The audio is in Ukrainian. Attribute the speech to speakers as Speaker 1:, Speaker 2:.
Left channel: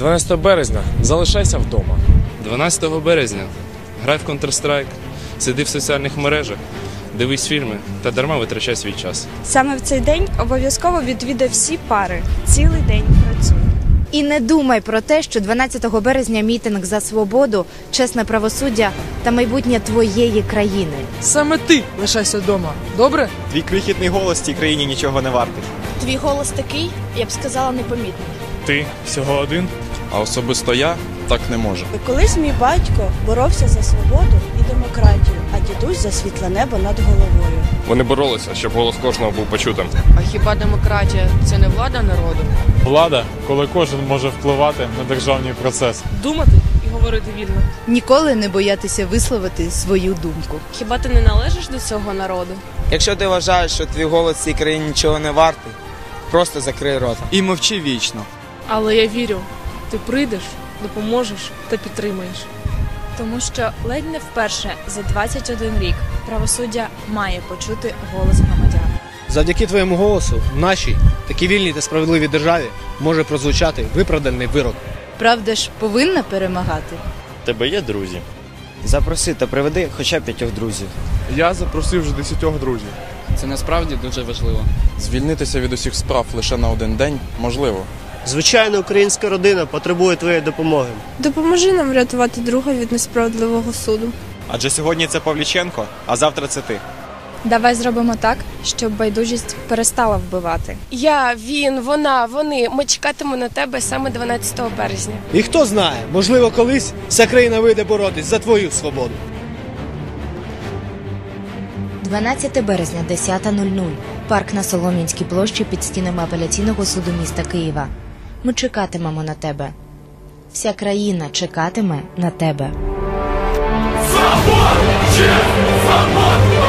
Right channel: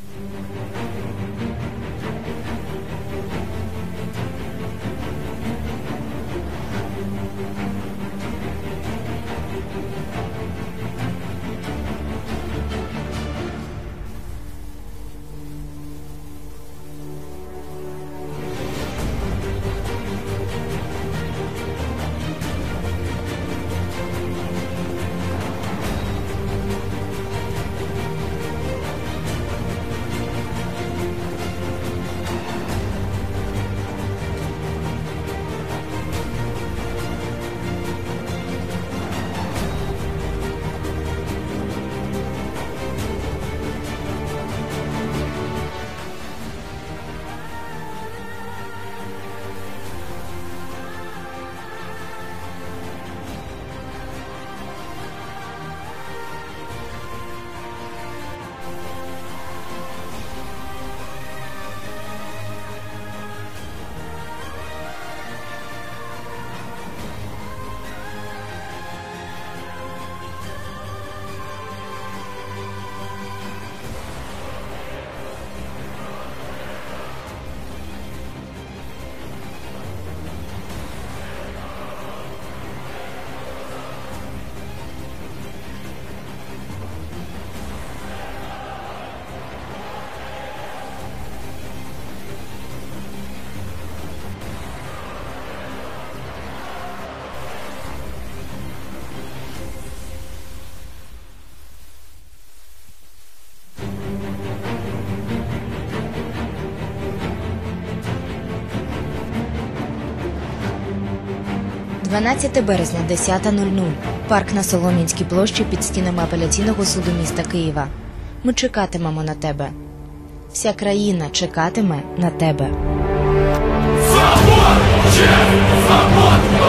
Speaker 1: 12 березня залишайся вдома.
Speaker 2: 12 березня грай в Counter-Strike, сиди в соціальних мережах, дивись фільми та дарма витрачай свій час.
Speaker 3: Саме в цей день обов'язково відвідай всі пари. Цілий день працюй.
Speaker 4: І не думай про те, що 12 березня мітинг за свободу, чесне правосуддя та майбутнє твоєї країни.
Speaker 5: Саме ти лишайся вдома. Добре?
Speaker 6: Твій крихітний голос цій країні нічого не вартий.
Speaker 3: Твій голос такий, я б сказала, непомітний.
Speaker 1: Ти всього один.
Speaker 7: А особисто я так не можу.
Speaker 8: Колись мій батько боровся за свободу і демократію, а дідусь за світле небо над головою.
Speaker 7: Вони боролися, щоб голос кожного був почутим.
Speaker 5: А хіба демократія це не влада народу?
Speaker 9: Влада, коли кожен може впливати на державний процес.
Speaker 5: Думати і говорити вільно.
Speaker 4: Ніколи не боятися висловити свою думку.
Speaker 5: Хіба ти не належиш до цього народу?
Speaker 6: Якщо ти вважаєш, що твій голос цій країні нічого не вартий, просто закрий рот. І мовчи вічно.
Speaker 5: Але я вірю, ти прийдеш, допоможеш та підтримаєш.
Speaker 3: Тому що ледь не вперше за 21 рік правосуддя має почути голос громадян.
Speaker 10: Завдяки твоєму голосу в нашій такій вільній та справедливій державі може прозвучати виправданий вирок.
Speaker 4: Правда ж повинна перемагати.
Speaker 7: Тебе є друзі?
Speaker 6: Запроси та приведи хоча б п'ятьох друзів.
Speaker 9: Я запросив вже десятьох друзів.
Speaker 2: Це насправді дуже важливо.
Speaker 7: Звільнитися від усіх справ лише на один день можливо.
Speaker 10: Звичайна українська родина потребує твоєї допомоги.
Speaker 3: Допоможи нам врятувати друга від несправедливого суду.
Speaker 6: Адже сьогодні це Павліченко, а завтра це ти.
Speaker 3: Давай зробимо так, щоб байдужість перестала вбивати.
Speaker 5: Я, він, вона, вони. Ми чекатимемо на тебе саме 12 березня.
Speaker 10: І хто знає, можливо, колись вся країна вийде боротись за твою свободу.
Speaker 4: 12 березня, 10.00. Парк на Солом'янській площі під стінами апеляційного суду міста Києва. Ми чекатимемо на тебе. Вся країна чекатиме на тебе.
Speaker 11: Свобод! Честь! Свобода!